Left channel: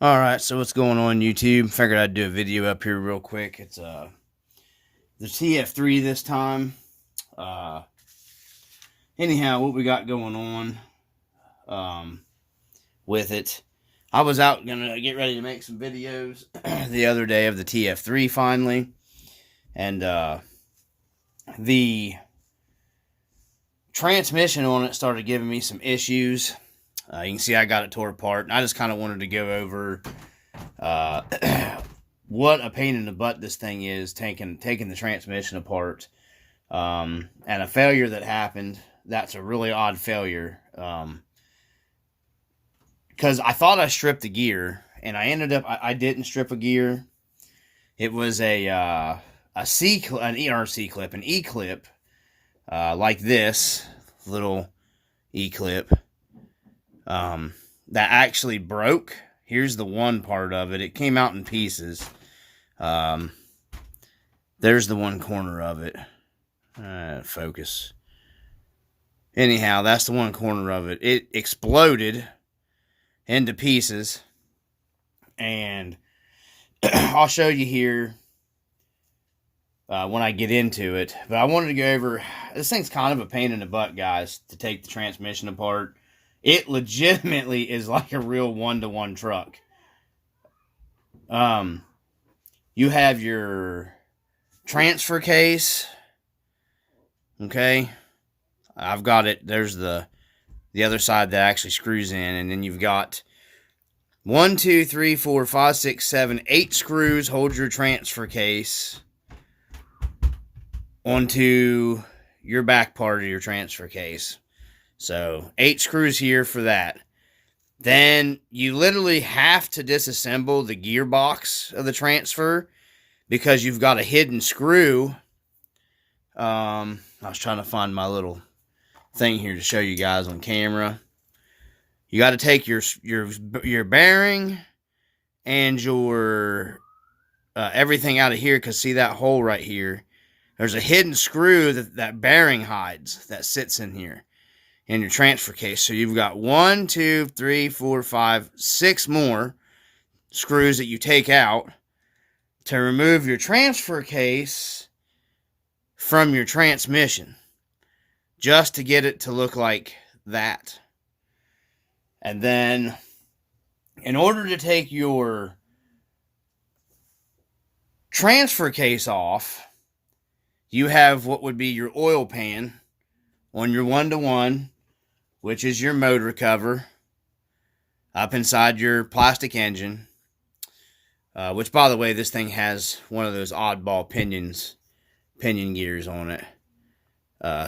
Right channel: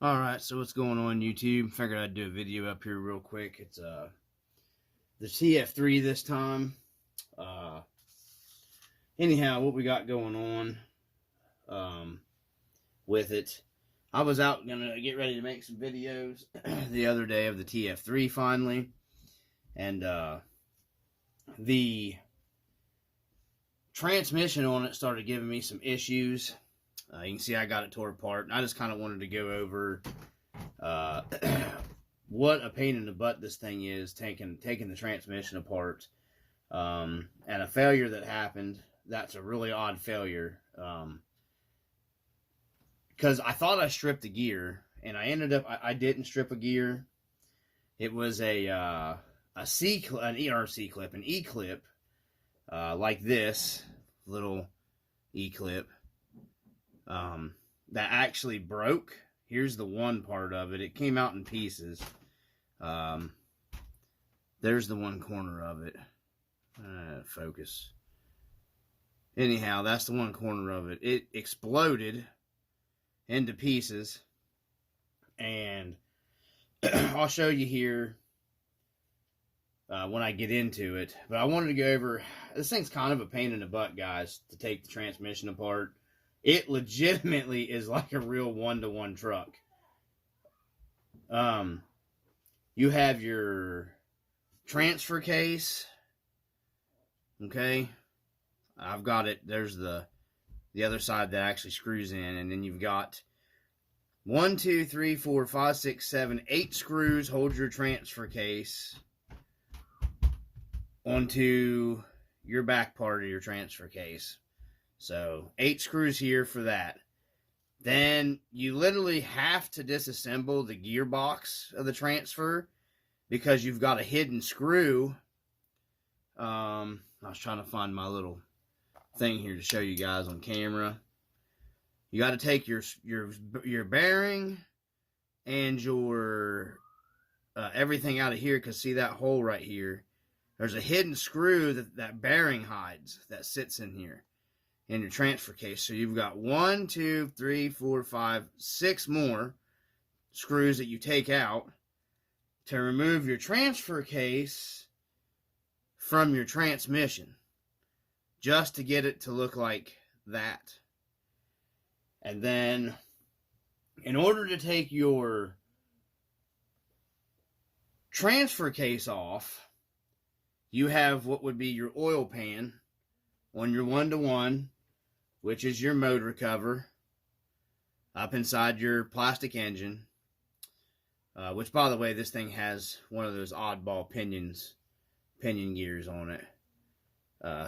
Alright, so what's going on YouTube? Figured I'd do a video up here real quick. It's the TF3 this time. Anyhow, what we got going on with it. I was out gonna get ready to make some videos the other day of the TF3 finally. And the transmission on it started giving me some issues. You can see I got it tore apart, and I just kind of wanted to go over what a pain in the butt this thing is, taking the transmission apart, and a failure that happened. That's a really odd failure, because I thought I stripped the gear, and I ended up I didn't strip a gear. It was an ERC clip, an E clip, like this little E clip. That actually broke. Here's the one part of it. It came out in pieces. There's the one corner of it. Focus. Anyhow, that's the one corner of it. It exploded into pieces. And I'll show you here when I get into it. But I wanted to go over... This thing's kind of a pain in the butt, guys, to take the transmission apart. It legitimately is like a real one-to-one truck. You have your transfer case. Okay. I've got it. There's the other side that actually screws in. And then you've got 1, 2, 3, 4, 5, 6, 7, 8 screws hold your transfer case onto your back part of your transfer case. So 8 screws here for that. Then you literally have to disassemble the gearbox of the transfer because you've got a hidden screw. I was trying to find my little thing here to show you guys on camera. You got to take your bearing and your everything out of here, because see that hole right here? There's a hidden screw that bearing hides that sits in here in your transfer case. So you've got 1, 2, 3, 4, 5, 6 more screws that you take out to remove your transfer case from your transmission, just to get it to look like that. And then in order to take your transfer case off, you have what would be your oil pan on your one-to-one, which is your motor cover, up inside your plastic engine, which, by the way, this thing has one of those oddball pinion gears on it.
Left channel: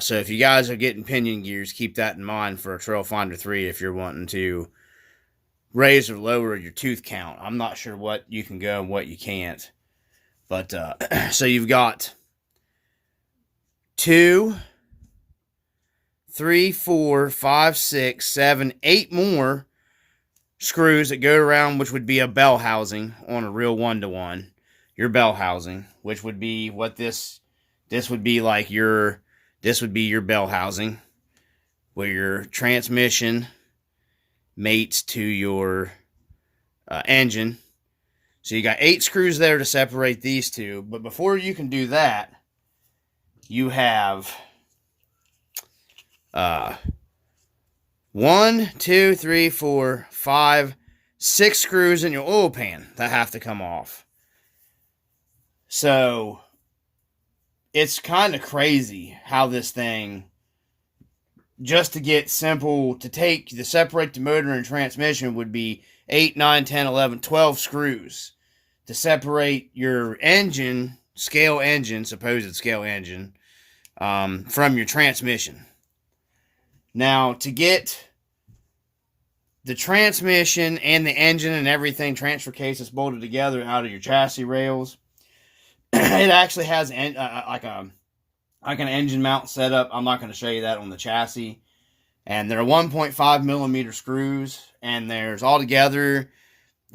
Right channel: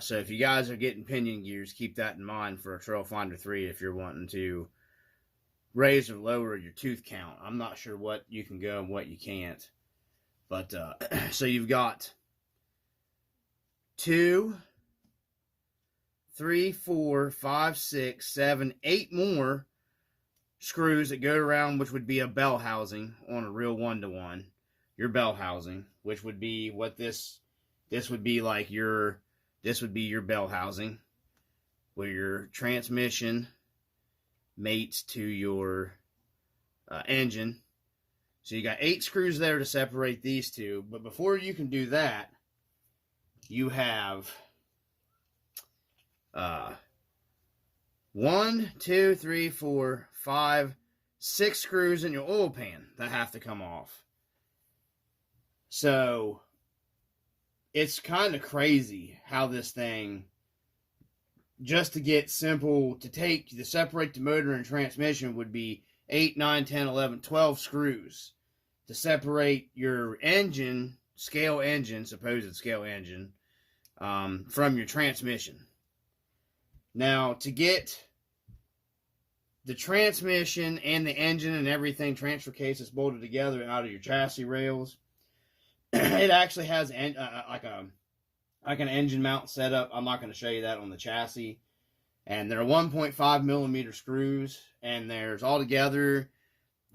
So if you guys are getting pinion gears, keep that in mind for a Trailfinder 3 if you're wanting to raise or lower your tooth count. I'm not sure what you can go and what you can't. But, so you've got 2, 3, 4, 5, 6, 7, 8 more screws that go around, which would be a bell housing on a real one-to-one. Your bell housing, which would be what this would be like this would be your bell housing, where your transmission mates to your engine. So you got 8 screws there to separate these two. But before you can do that, you have 1, 2, 3, 4, 5, 6 screws in your oil pan that have to come off. So it's kind of crazy how this thing, just to get simple, to separate the motor and transmission would be 8, 9, 10, 11, 12 screws to separate your engine, supposed scale engine, from your transmission. Now, to get the transmission and the engine and everything, transfer case is bolted together out of your chassis rails, it actually has like an engine mount setup. I'm not going to show you that on the chassis. And they're 1.5 millimeter screws, and there's altogether,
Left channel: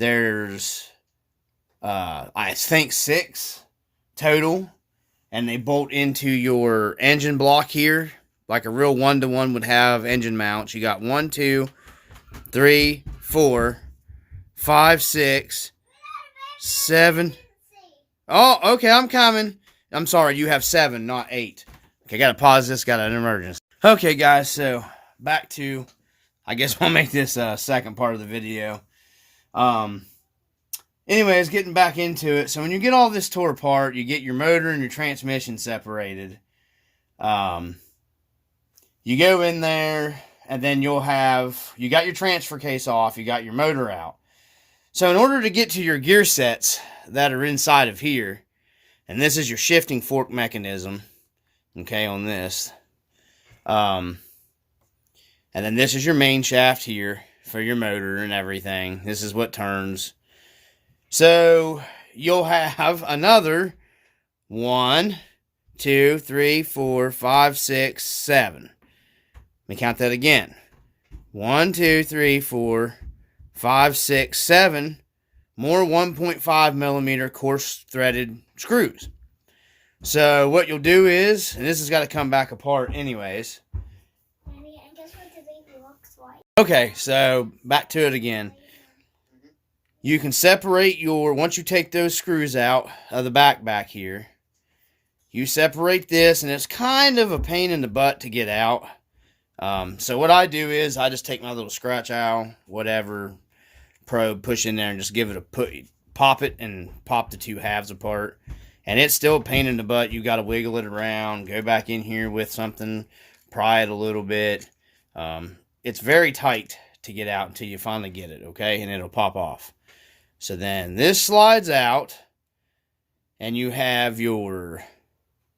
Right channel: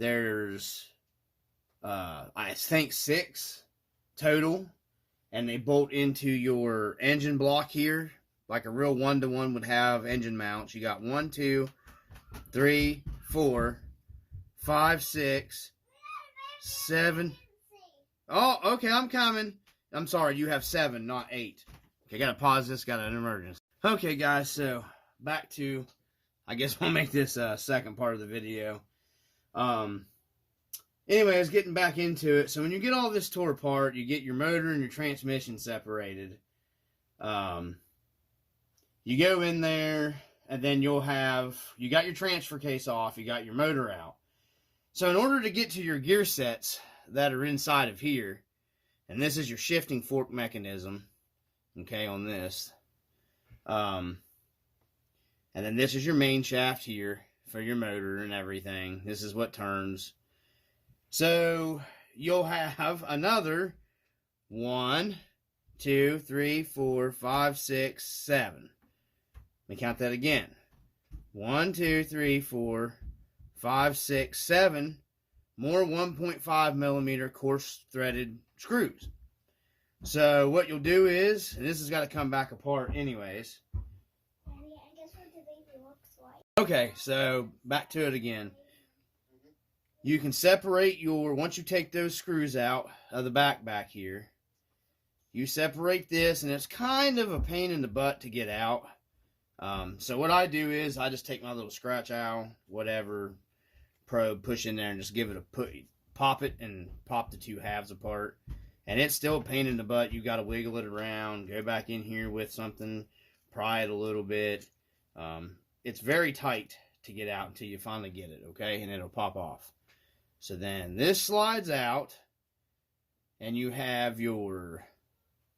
I think 6 total, and they bolt into your engine block here like a real one-to-one would have engine mounts. You got 1, 2, 3, 4, 5, 6, 7. Oh, okay, I'm coming. I'm sorry, you have 7, not 8. Okay, gotta pause this, got an emergency. Okay, guys, so back to, I guess we'll make this second part of the video. Anyways, getting back into it. So when you get all this tore apart, you get your motor and your transmission separated. You go in there, and then you got your transfer case off, you got your motor out. So in order to get to your gear sets that are inside of here, and this is your shifting fork mechanism, okay, on this. And then this is your main shaft here for your motor and everything. This is what turns. So you'll have another 1, 2, 3, 4, 5, 6, 7. Let me count that again. 1, 2, 3, 4, 5, 6, 7 more 1.5 millimeter coarse threaded screws. So what you'll do is, and this has got to come back apart anyways. Daddy, I guess what today looks like. Okay, so back to it again. You can separate once you take those screws out of the back here, you separate this, and it's kind of a pain in the butt to get out. So what I do is I just take my little scratch awl, whatever, probe, push in there, and just give it a pop it and pop the two halves apart. And it's still a pain in the butt. You got to wiggle it around, go back in here with something, pry it a little bit. It's very tight to get out until you finally get it, okay? And it'll pop off. So then this slides out, and you have your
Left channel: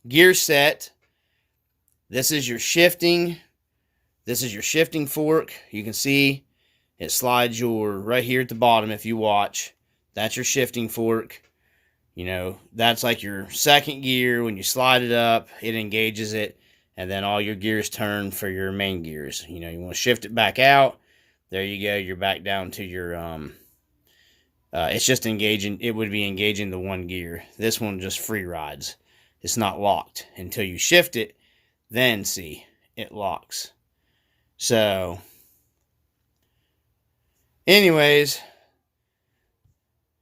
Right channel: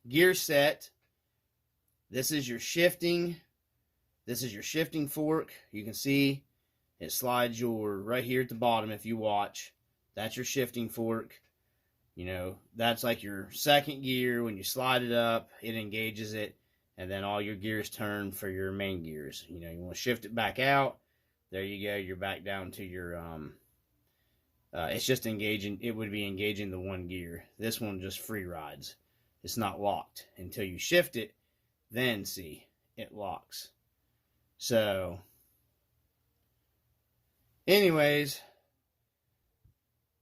gear set. This is your shifting. This is your shifting fork. You can see it slides right here at the bottom if you watch. That's your shifting fork. You know, that's like your second gear. When you slide it up, it engages it, and then all your gears turn for your main gears. You know, you want to shift it back out. There you go. You're back down to your, it's just engaging. It would be engaging the one gear. This one just free rides. It's not locked until you shift it. Then see, it locks. So, anyways,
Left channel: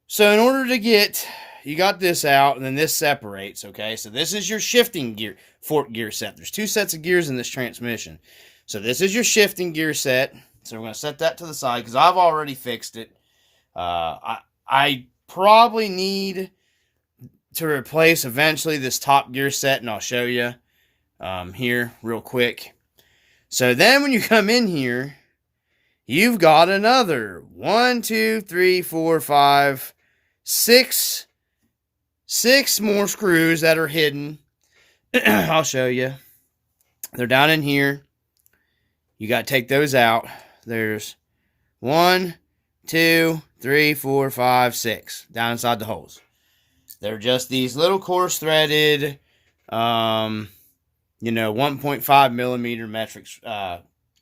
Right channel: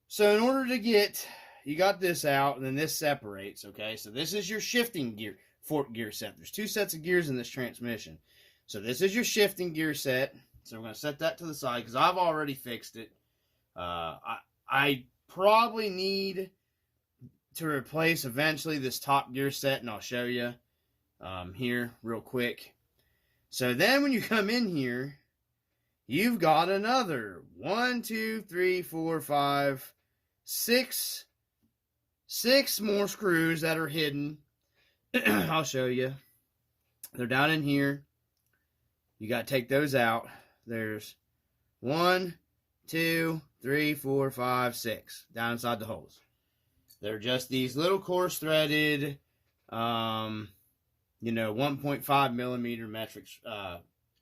so in order to get, you got this out, and then this separates, okay? So this is your shifting gear, fork gear set. There's 2 sets of gears in this transmission. So this is your shifting gear set. So we're going to set that to the side because I've already fixed it. I probably need to replace eventually this top gear set, and I'll show you here real quick. So then when you come in here, you've got another 1, 2, 3, 4, 5, 6 more screws that are hidden. I'll show you. They're down in here. You got to take those out. There's 1, 2, 3, 4, 5, 6 down inside the holes. They're just these little coarse threaded, 1.5 millimeter metric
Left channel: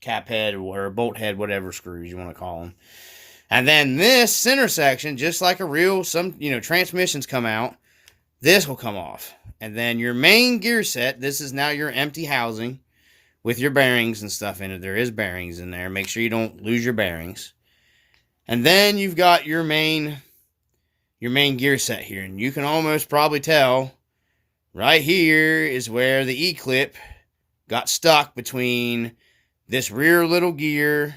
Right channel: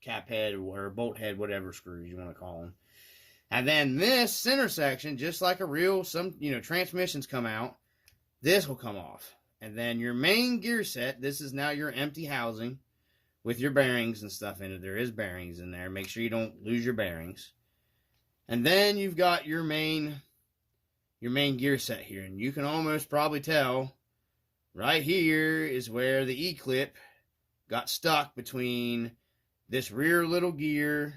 cap head or bolt head, whatever screws you want to call them. And then this center section, just like a real, transmissions come out, this will come off. And then your main gear set, this is now your empty housing with your bearings and stuff in it. There is bearings in there. Make sure you don't lose your bearings. And then you've got your main gear set here. And you can almost probably tell right here is where the E-clip got stuck between this rear little gear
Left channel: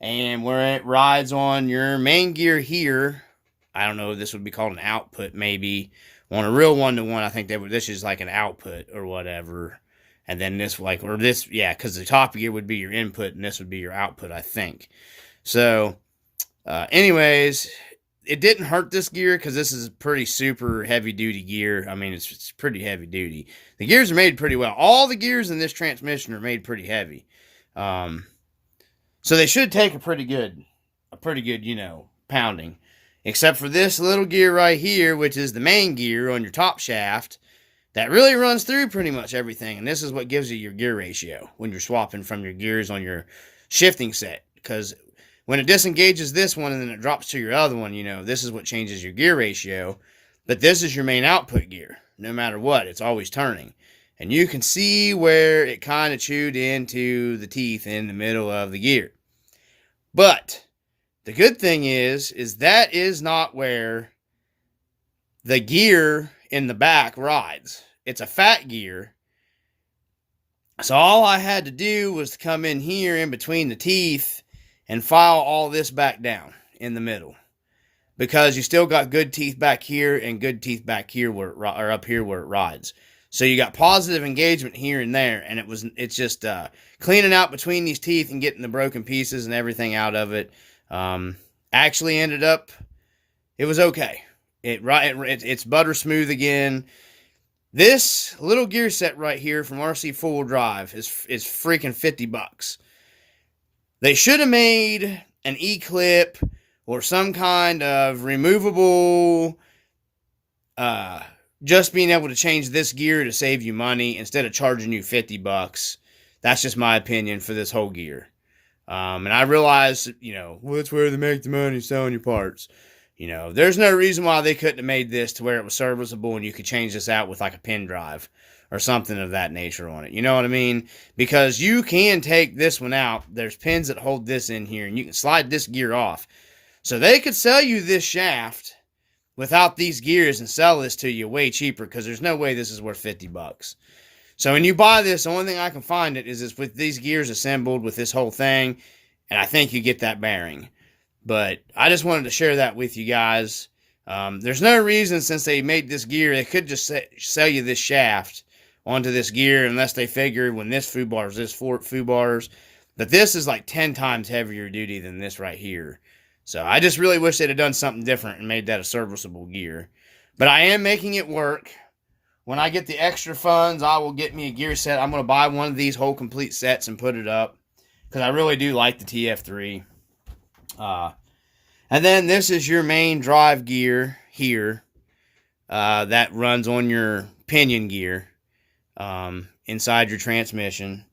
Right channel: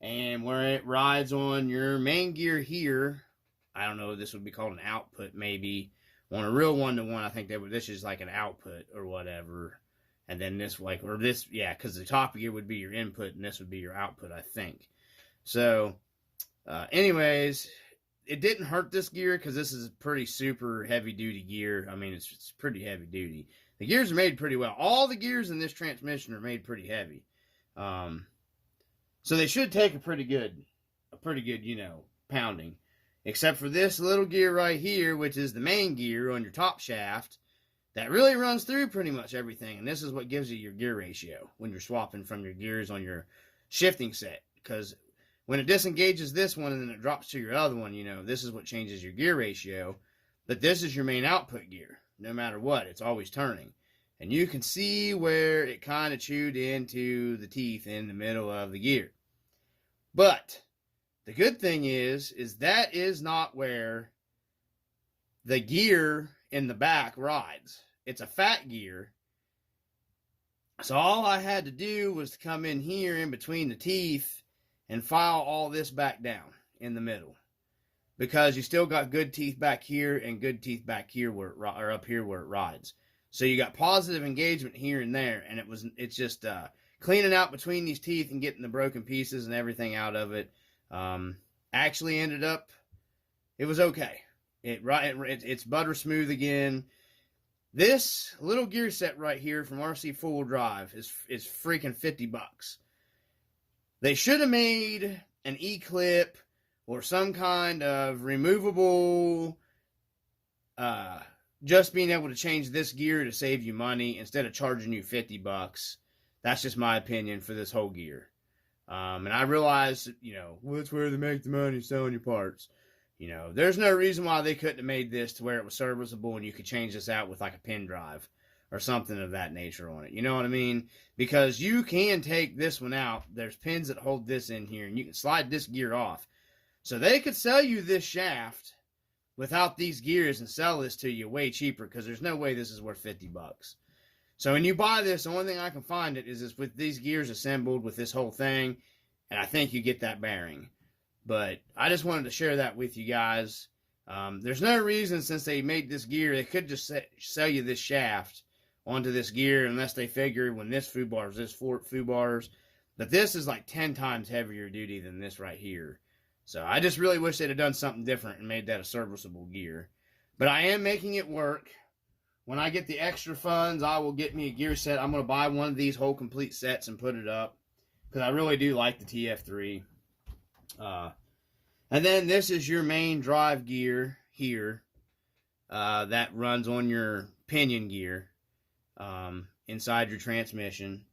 and where it rides on your main gear here. I don't know if this would be called an output, maybe. On a real one-to-one, I think this is like an output or whatever. And then this, because the top gear would be your input and this would be your output, I think. So, anyways, it didn't hurt this gear because this is a pretty super heavy-duty gear. I mean, it's pretty heavy-duty. The gears are made pretty well. All the gears in this transmission are made pretty heavy. So they should take a pretty good, pounding. Except for this little gear right here, which is the main gear on your top shaft, that really runs through pretty much everything. And this is what gives you your gear ratio when you're swapping from your gears on your shifting set. Because when it disengages this one and then it drops to your other one, this is what changes your gear ratio. But this is your main output gear. No matter what, it's always turning. And you can see where it kind of chewed into the teeth in the middle of the gear. But The good thing is that is not where the gear in the back rides. It's a fat gear. So all I had to do was to come in here in between the teeth and file all this back down in the middle. Because you still got good teeth back here and good teeth back here where it, or up here where it rides. So you got positive engagement here and there, and it's just cleaning out between these teeth and getting the broken pieces and everything out of it. Actually ended up, it was okay. It's butter smooth again. This little gear set right here from Rc4wd Drive is freaking $50. They should have made an E-clip or some kind of removable, just being able to change this gear to save you money instead of charging you $50. That's just my opinion for this whole gear. And I realize, well, that's where they make the money, selling your parts. There's no reason why they couldn't have made this to where it was serviceable and you could change this out with like a pin drive or something of that nature on it. You know what I mean? Because you can take this one out. There's pins that hold this in here and you can slide this gear off. So they could sell you this shaft without these gears and sell this to you way cheaper because there's no way this is worth $50. So when you buy this, the only thing I can find it is with these gears assembled with this whole thing, and I think you get that bearing. But I just wanted to share that with you guys. There's no reason since they made this gear, they could just sell you this shaft onto this gear unless they figure when this foobar is this foobar's, that this is like 10 times heavier duty than this right here. So I just really wish they'd have done something different and made that a serviceable gear. But I am making it work. When I get the extra funds, I will get me a gear set. I'm going to buy one of these whole complete sets and put it up because I really do like the TF3. And then this is your main drive gear here that runs on your pinion gear inside your transmission.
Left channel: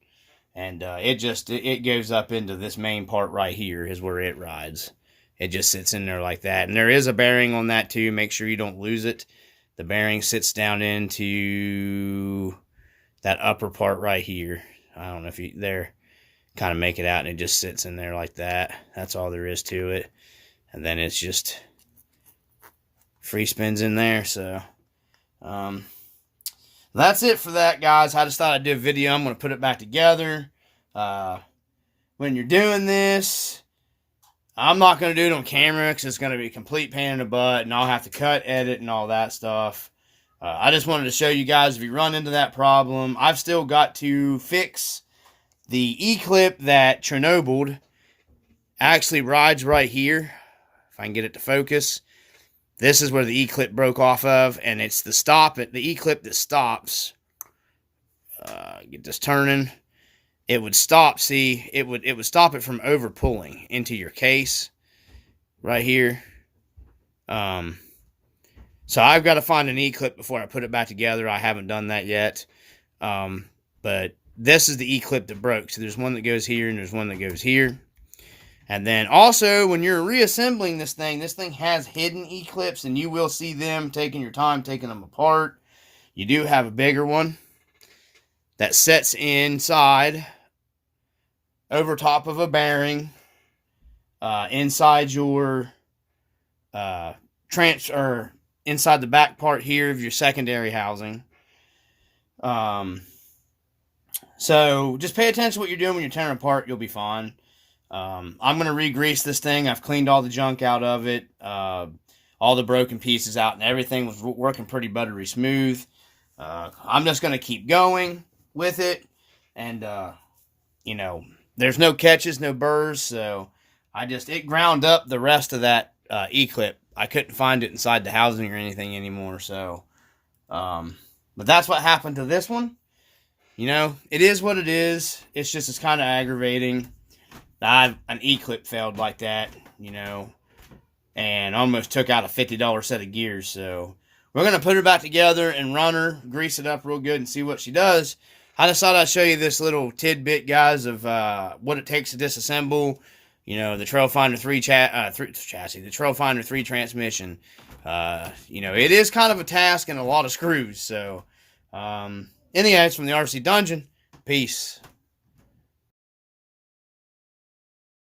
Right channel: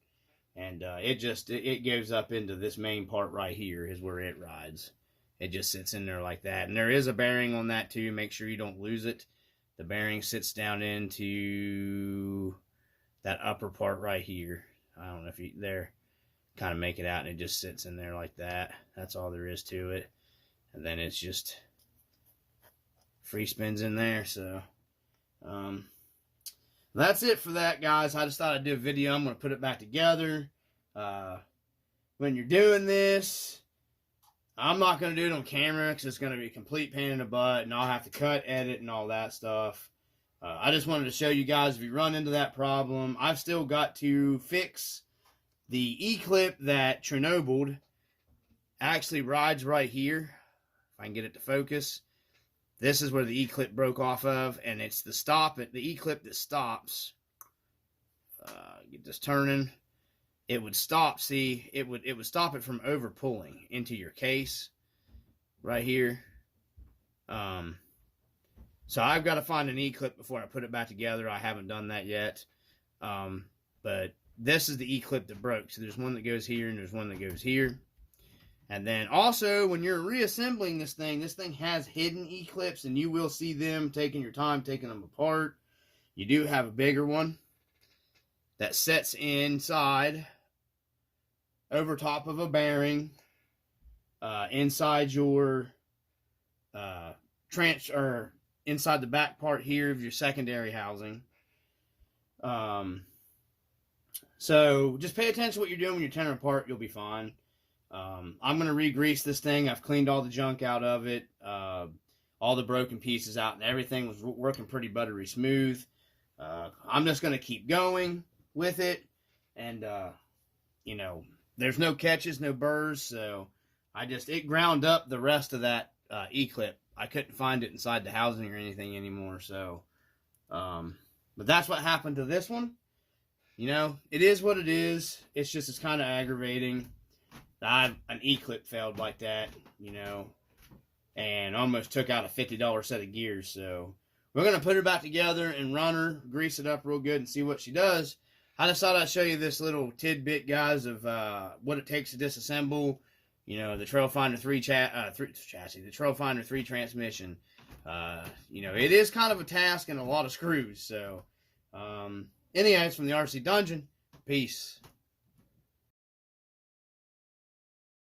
And it goes up into this main part right here is where it rides. It just sits in there like that. And there is a bearing on that too. Make sure you don't lose it. The bearing sits down into that upper part right here. I don't know if you there kind of make it out and it just sits in there like that. That's all there is to it. And then it's just free spins in there. So that's it for that, guys. I just thought I'd do a video. I'm going to put it back together. When you're doing this, I'm not going to do it on camera because it's going to be a complete pain in the butt and I'll have to cut, edit, and all that stuff. I just wanted to show you guys if you run into that problem. I've still got to fix the E-clip that Chernobyl actually rides right here. If I can get it to focus. This is where the E-clip broke off of, and it's the E-clip that stops. Get this turning. It would stop, see, it would stop it from over pulling into your case right here. So I've got to find an E-clip before I put it back together. I haven't done that yet. But this is the E-clip that broke. So there's one that goes here and there's one that goes here. And then also when you're reassembling this thing has hidden E-clips and you will see them taking your time taking them apart. You do have a bigger one that sets inside over top of a bearing inside your inside the back part here of your secondary housing. So just pay attention to what you're doing when you're tearing apart. You'll be fine. I'm going to re-grease this thing. I've cleaned all the junk out of it, all the broken pieces out, and everything was working pretty buttery smooth. I'm just going to keep going with it, and there's no catches, no burrs, so it ground up the rest of that E-clip. I couldn't find it inside the housing or anything anymore, so but that's what happened to this one. It is what it is. It's kind of aggravating. An E-clip failed like that, and almost took out a $50 set of gears. So we're going to put her back together and run her, grease it up real good and see what she does. I just thought I'd show you this little tidbit, guys, of what it takes to disassemble, the Trailfinder 3 chassis, the Trailfinder 3 transmission. It is kind of a task and a lot of screws. So, anyways, from the RC Dungeon, peace.